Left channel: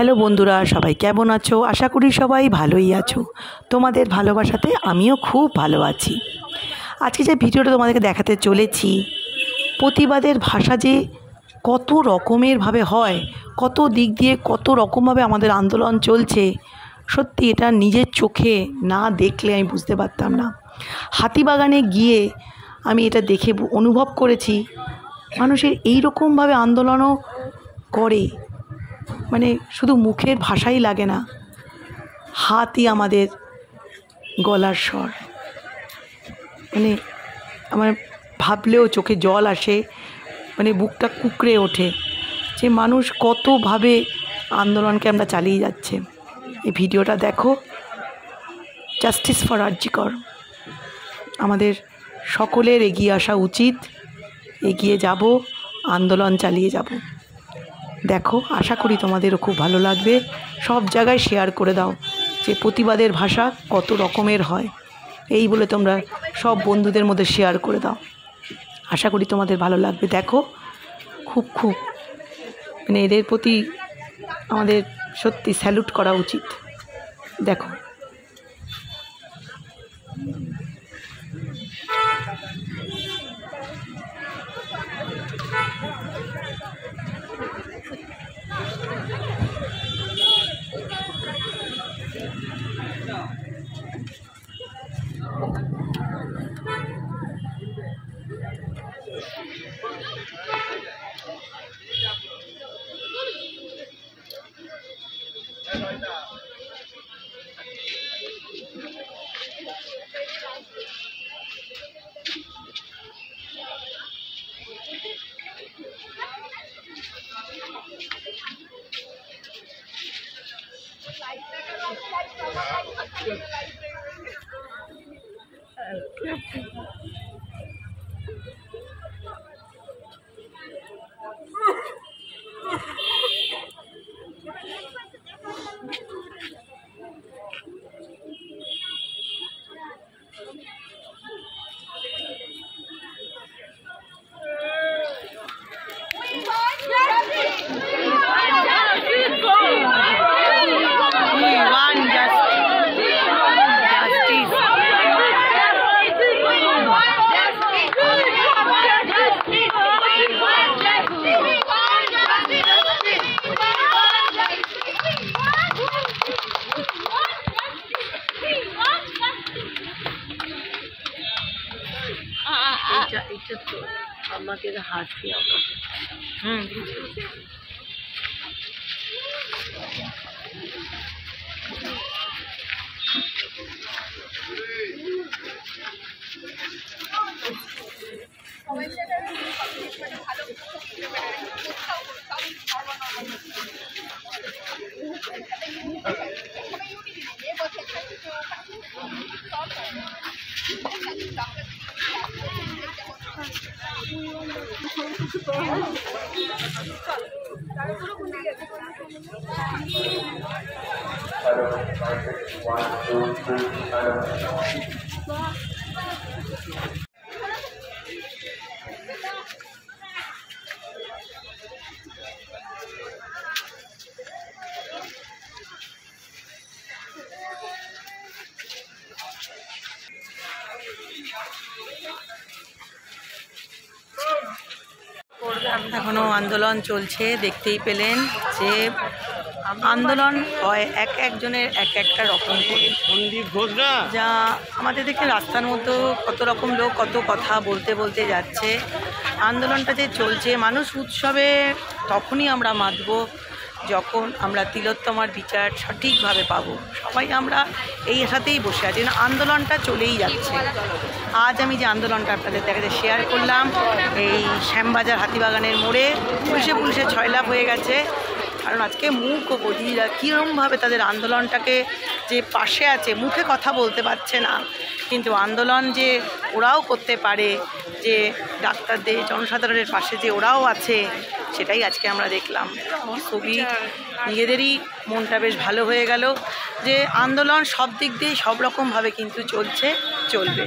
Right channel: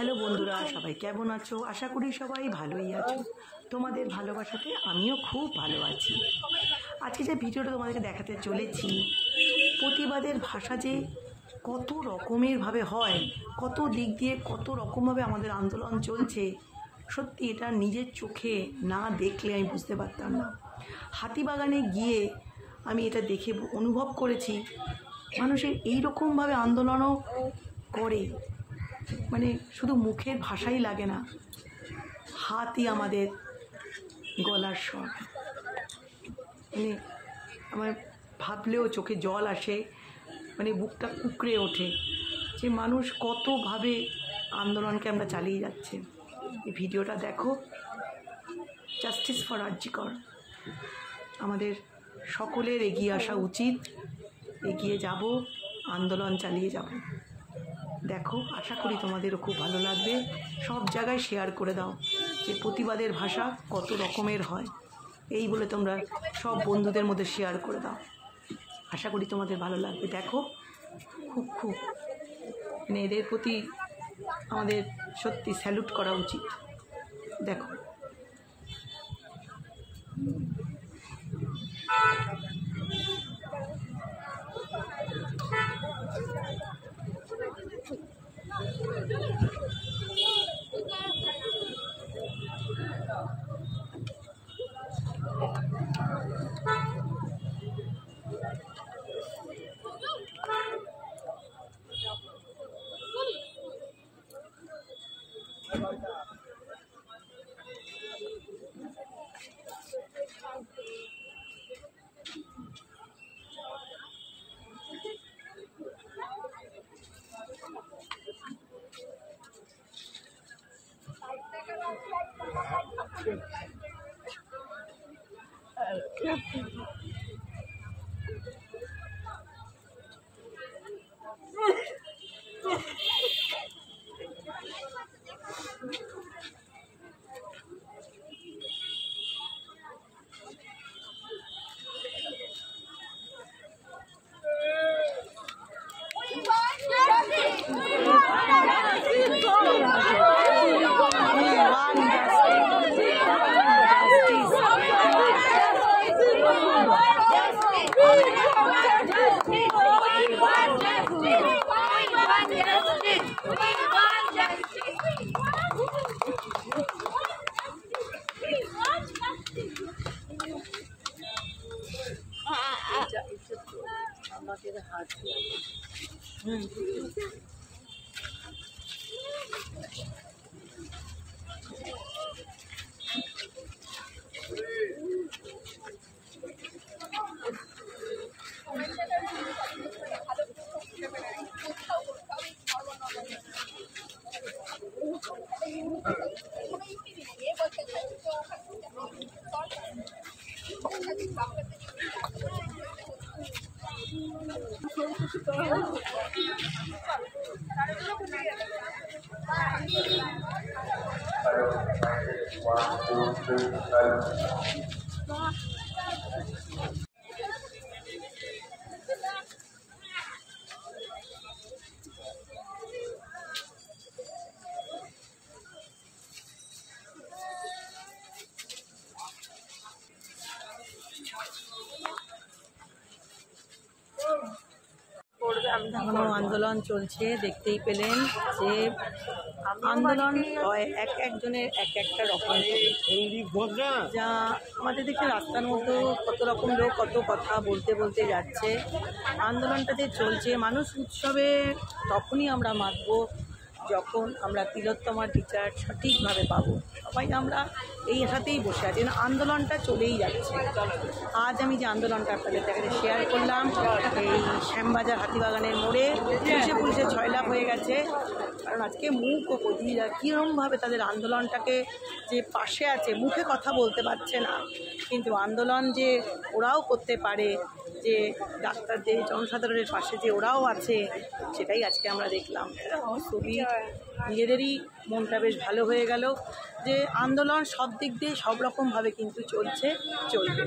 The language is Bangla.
হ্যালো বন্ধুরা, সবাই কেমন আছো? আশা করি সবাই ভালোই আছো। তোমাদের ভালোবাসাতে আমিও খুব ভালো আছি। আজকে যে ভিডিওটা তোমাদেরকে দেখাতে চলেছি, প্রতিবাদের ভাষা যে কত রকমেরভাবে হয়, কত দিক দিয়ে কত রকমভাবে আমাদের আন্দোলন চলছে, সত্যি এটা নিজের চোখে না দেখলে আমি বুঝতে পারতাম না। হাতিবাগানে গিয়ে আমি এটা দেখে অনুভব করেছি, মানুষের এই রকমভাবে আন্দোলনও করে, মানে শুধু মুখের ভাষাই লাগে না, হাতই আমাদের গলার স্বর। মানে আমার ভাবলেও চোখে জল আসে, মানে বুকটা কুঁকড়ে ওঠে যে মানুষ কতভাবে আন্দোলনকে আমরা চালিয়ে যাচ্ছে। এই ভিডিওটা দেখো, জাস্টিস ফর আরজি কর। আমাদের সকলের এগিয়ে আসা উচিত, এগিয়ে যাব, আন্দোলন চালিয়ে যাব। দেখো, আশা করি তোমাদেরও খুব ভালো লাগবে। সব জায়গায় শেয়ার করে দাও যে প্রতিবাদের ভাষা কত রকমের হয়, এই বলে তোমরা সব বন্ধুদের মধ্যে শেয়ার করে দাও। আশা করি তোমাদের ভালো লাগবে। দেখো, খুব মানে এদের প্রতি আমাদের সত্যি স্যালুট করা উচিত। দেখো, এটা তো আমাদের হাতে এখনও আন্দোলন চলছে। দেখতেই পেলেন যে আন্দোলন হয় একজনের একটা রকম করে, যা আমাদের দেখে রাস্তার মধ্যে কত রকম লোক কত কথা বলতে যাচ্ছে। আন্দোলনটা যে চলছে, মানুষ উৎসবে তখনই আমরা মাতব যখন আমরা তিলোত্তমার বিচার সঠিকভাবে পাবো। সবাই আমরা এই আশাতেই বসে আছি, আন্দোলনটা চলেই যাচ্ছে। আজ আমি যে আন্দোলনটা আপনাদের দেখাতে শেয়ার করলাম, এই শ্যামবাজার হাতিবাগানের মোড়ে পুলিশে 6 লাখ হয়ে গেছে। কারণ আজকে মুখ ও বধিরা কীরকমভাবে তাদের আন্দোলনটাকে যে পাশে আছে, মুখে কথা বলতে পারছে না, কিন্তু আন্দোলন যে ওরাও করতে পারে, যে ডাক্তারদের জনসাধারণের পাশে যে ওরাও আছে, সেটাই আজকে আমরা দেখলাম। খুবই নিজেদেরই মনটা বেশ ভালো হয়ে গেল যে আন্দোলন সব দিক দিয়ে সব রকমভাবে কিন্তু চলবে।